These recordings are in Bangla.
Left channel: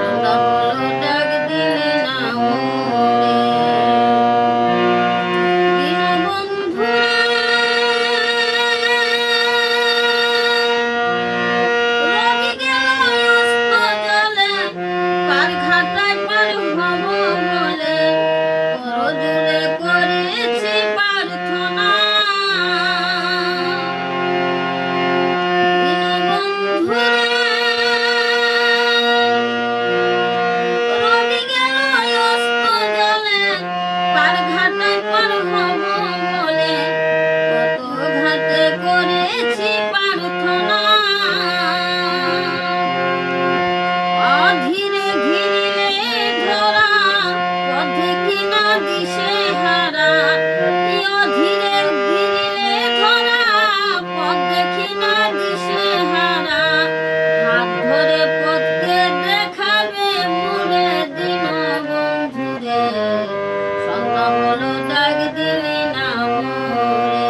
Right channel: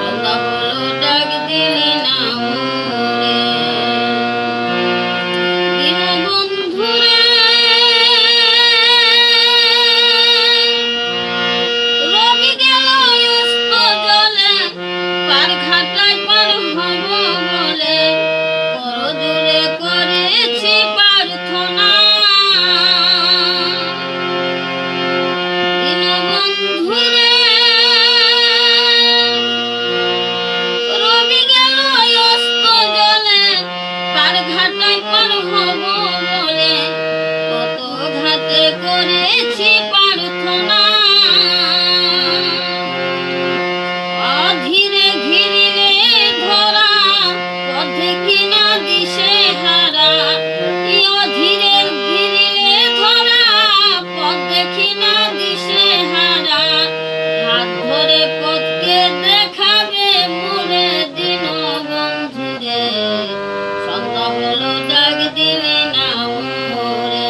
সন্ধ্যা হলো ডাক দিলি না মোরে। দীনবন্ধুরে রবি গেল অস্ত জলে, পার ঘাটায় পার হব বলে করজোড়ে করেছি প্রার্থনা। দীনবন্ধুরে রবি গেল অস্ত জলে, পার ঘাটায় পার হব বলে কত ঘাটে করেছি প্রার্থনা। অধীরে ঘিরিলে ধরা, পথে কিনা দিশে হারা। অধীরে ঘিরিলে ধরা, পথে কিনা দিশে হারা। হাত ধরে পথকে দেখাবে মোরে দীনবন্ধুরে। সন্ধ্যা হলো ডাক দিলি না মোরে।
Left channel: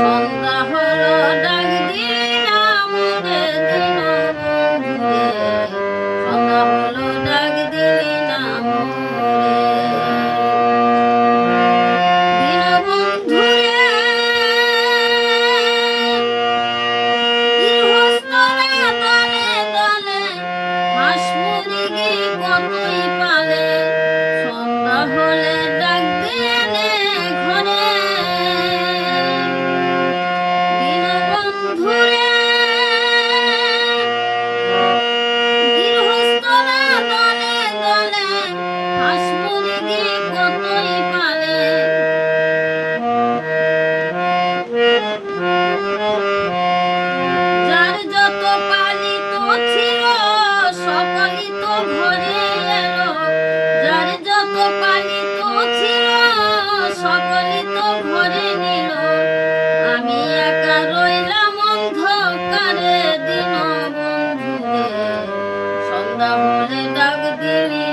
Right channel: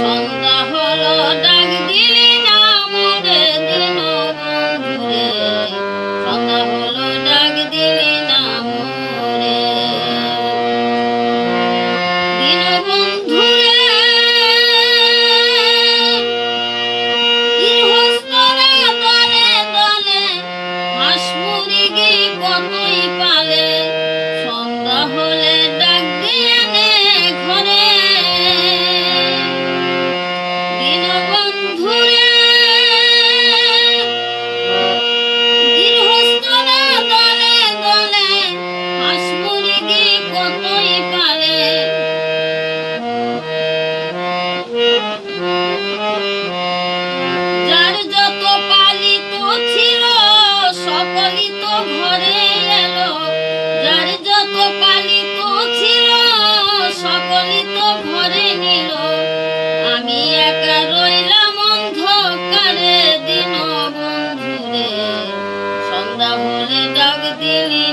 সন্ধ্যা হলো ডাক দিলি না মোরে দীনবন্ধুরে। সন্ধ্যা হলো ডাক দিলি না মোরে। দীনবন্ধুরে গৃহস্থরা দলে দলে, হাঁস মুরগি কতই পালে। সন্ধ্যা হলে ডাক দিয়ে নে ঘরে। দীনবন্ধুরে গৃহস্থরা দলে দলে, হাঁস মুরগি কতই পালে। যার যত পালিত ছিল সকলই তো ঘরে এলো। যার যত পালিত ছিল সকলই তো ঘরে নিল। আমি একা রইলাম অন্ধকারে দীনবন্ধুরে। সন্ধ্যা হলে ডাক দিলি